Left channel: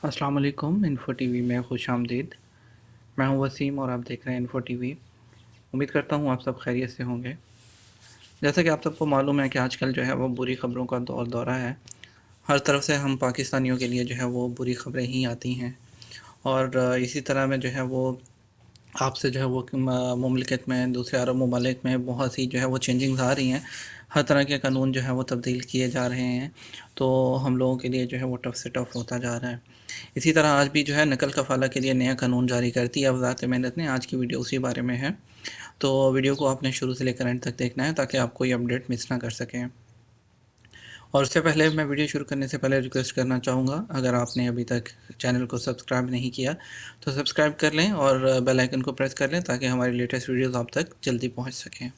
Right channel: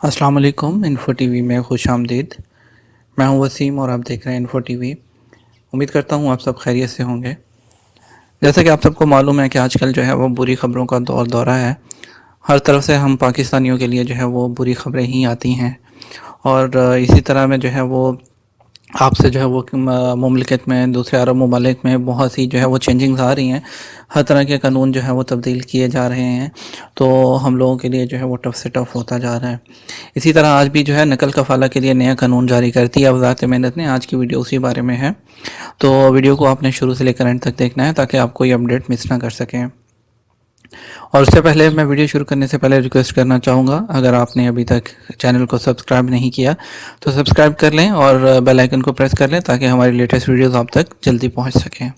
अस्सलाम वालेकुम। Info TV में खुश आमदीद। मैं हूं वसीम और आप देख रहे हैं इन्फो टीवी। उम्मीद करता हूं आप सब खैरियत से होंगे। जैसा कि आप सबको मालूम है कि आजकल जो है वो बुरी खबरों का दौरा है। हर तरफ से हम पाकिस्तानियों के लिए जो है वो बुरी खबरें ही आती हैं। और इसी तरह में जो है वो आपसे जो है वो मुमलिकत में दूसरे अरब ममालिक में बहुत सी जो है वो चेंजिंग्स आ रही हैं। हर तरह के कानून जो है वो तब्दील किए जा रहे हैं। तो हम लोगों के लिए जो है वो टफ़ से टफ़ होता जा रहा है। इसी तरह आज भी जो है नकल कफ़ाला के लिए नया कानून जारी कर दिया वज़ारत मेहनत ने। आज की वीडियो उसी बारे में है। तो वीडियो को आपने शुरू से लेकर एंड तक देखना है ताकि आप कोई अपडेट मिस ना कर सकें। और उससे पहले मैं वीडियो शुरू करने से पहले रिक्वेस्ट करना चाहूँगा, अगर आपने अभी तक चैनल को सब्सक्राइब नहीं किया तो सब्सक्राइब कर लें और बेल आइकन को प्रेस कर लें ताकि हमारी लेटेस्ट वीडियोस आप तक जल्दी पहुंच सकें।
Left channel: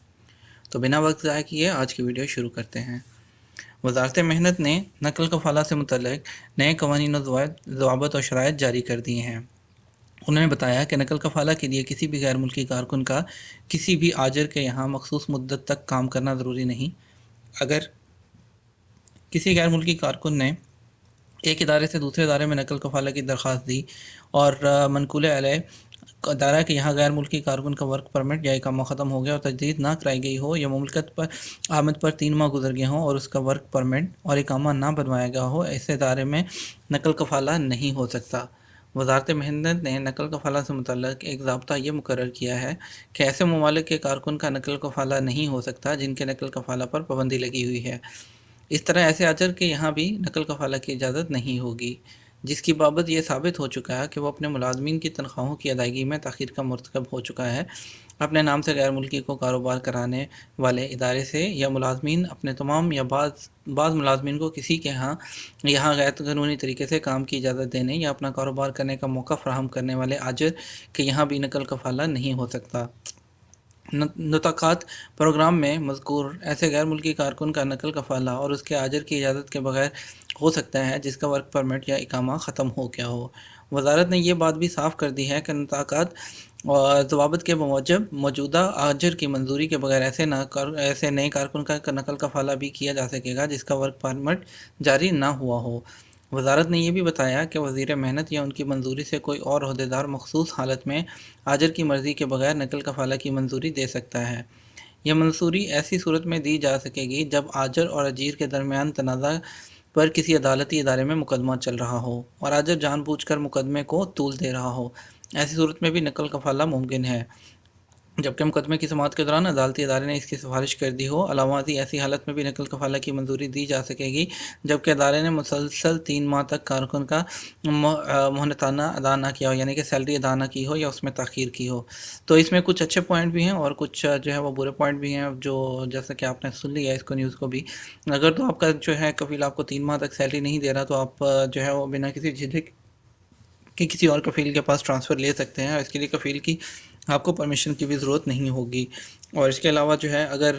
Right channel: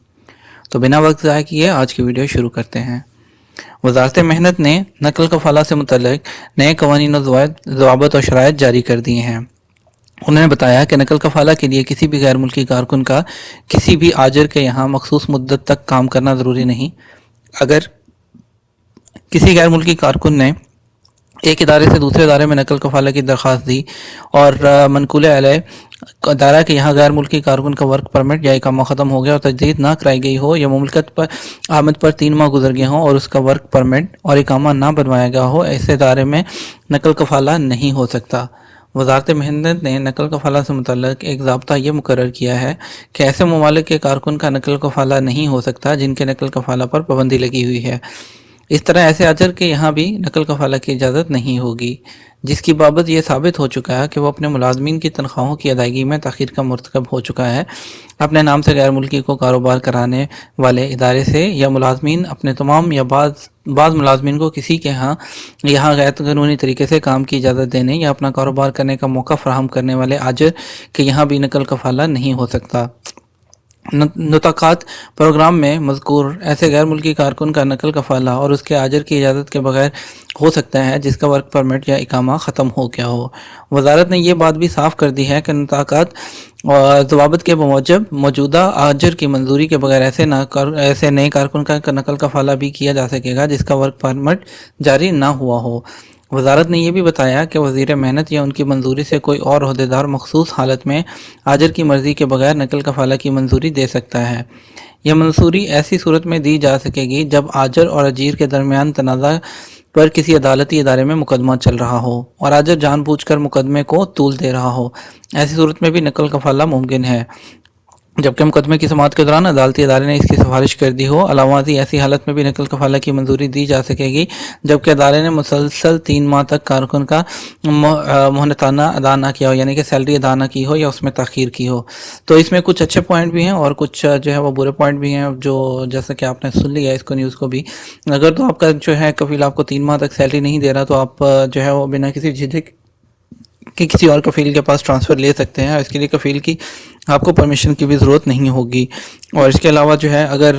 तो बिना वक्त ज़ाया किए आज की वीडियो शुरू करते हैं। वज़ारत मेहनत ने नकल कफ़ाला से मुतल्लिक़ नए कवानीन और ज़वाबित और शराइत जारी कर दिए हैं। उन्होंने बताया कि नकल कफ़ाला के लिए किसी भी गैर मुल्की कारकुन का किसी भी आजिर के यहाँ मखसूस मुद्दत तक काम करना ज़रूरी नहीं। अगर किसी गैर मुल्की कारकुन ने एक इदारे से दूसरे इदारे में नकल कफ़ाला की दरख्वास्त दी और मनकूल अलैह दायरा के यहाँ गैर मुल्की कारकुन का वर्क परमिट या इकामा ख़त्म हो गया और तजदीद ना कराई गई हो या मुमलकत पर आमद पर 3 माह गुजर गए हों और उसका वर्क परमिट और इकामा ना बनवाया गया हो, ऐसे इदारे में नकल कफ़ाला नहीं हो सकता। वज़ारत मेहनत ने नकल कफ़ाला से मुतल्लिक़ एक ज़ाब्ता ये मुकर्रर किया है कि ऐसे ममालिक के कारकुन का नकल कफ़ाला नहीं हो सकता जिनके नकल कफ़ाला पर पाबंदी लगी हुई है। इस तरह ऐसे अजर के यहाँ भी नकल कफ़ाला की इजाज़त नहीं होगी, जिसकी बाबत यह साबित हो चुका है कि वह अपने मुलाजमीन की तनख्वाहों की अदायगी में तख़ीर का मरतकब हो चुका है। अपने नाम से गैर मुल्की को कारोबार कराने वाले इदारे से या मुलाजमीन अपने तमाम या बाज़ मुलाजमीन को किसी के यहाँ गैर कानूनी तरीके से काम की इजाज़त देने या अपना कारोबार करने का मौका फ़राहम करने वाले आजर के यहाँ भी नकल कफ़ाला नहीं हो सकता। नुताकात प्रोग्राम में मज़कूर ऐसे गैर मुल्की कारकुन का नकल कफ़ाला और उसके आजर की इजाज़त के बगैर हो सकता है जिसका वर्क परमिट या इकामा ख़त्म हो गया हो। वज़ारत ने यह बात भी साफ़ कर दी है कि नुताकात और ज़वाबित के मूजब मौजूदा आजर की मंजूरी के बगैर ऐसे नए कारकुन का नकल कफ़ाला भी किया जा सकेगा जिसका वर्क परमिट जारी ना हुआ हो। वज़ारत ने यह भी बताया कि वज़ीर मेहनत या उनकी मंजूरी से कोई और अहदेदार मखसूस हालत में आजर की मर्ज़ी के बगैर नकल कफ़ाला की मंजूरी दे सकता है। यह मंजूरी ऐसी सूरत में दी जा सकेगी जब आजर और अजीर के दरमियान तनाज़ा पर किसी अदालती इदारे में मुकदमा चल रहा हो और आजर जानबूझकर मुकदमे को तूल दे रहा हो। ऐसी सूरत में भी नकल कफ़ाला मुमकिन है जबकि मुकदमे की समाअत के दौरान अदालती इदारे ने इसकी सिफारिश कर दी हो। अलावाज़ी ऐसी हालत में भी नकल कफ़ाला की मंजूरी दी जा सकेगी जबकि अदारे ने मुसलसल 3 माह तक कारकुन का मोहनताना अदा ना किया हो, यानी कि सैलरी अदा ना की हो या उसमें ताख़ीर की हो। तो इसमें कुछ अच्छे पॉइंट भी हैं और कुछ जो है वो बुरे पॉइंट भी हैं, जो जैसा कि आपने सुन लिया इसको न्यूज़ को भी। अगर तो आपका जो है कफ़ील आपको 3 माह तक सैलरी नहीं दे रहा तो आप जो है वो बिना किसी झिझक कि किसी और कफ़ील के पास ट्रांसफ़र ले सकते हैं। इसके लिए कफ़ील की आपको परमिशन की भी ज़रूरत नहीं होगी। और इसके अलावा जो है अगर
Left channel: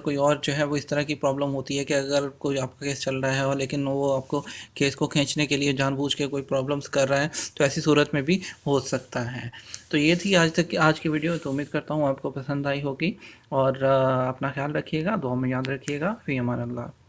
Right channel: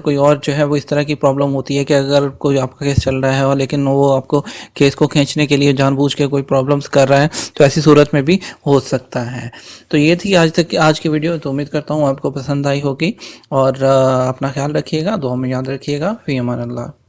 कोई और जो है वो इस तरह की प्रॉब्लम होती है कि अगर कोई आपका केस चल रहा है और लेकिन वो आपको केस को खींचने के लिए जानबूझ के कोई प्रॉब्लम्स कर रहा है तो ऐसी सूरत में भी हो सकता है। तो ये थी आज की वीडियो। तो उम्मीद करता हूँ आपको पसंद आई होगी और अपना ख्याल रखिएगा, दुआ में याद रखिएगा। फ़ी अमान अल्लाह।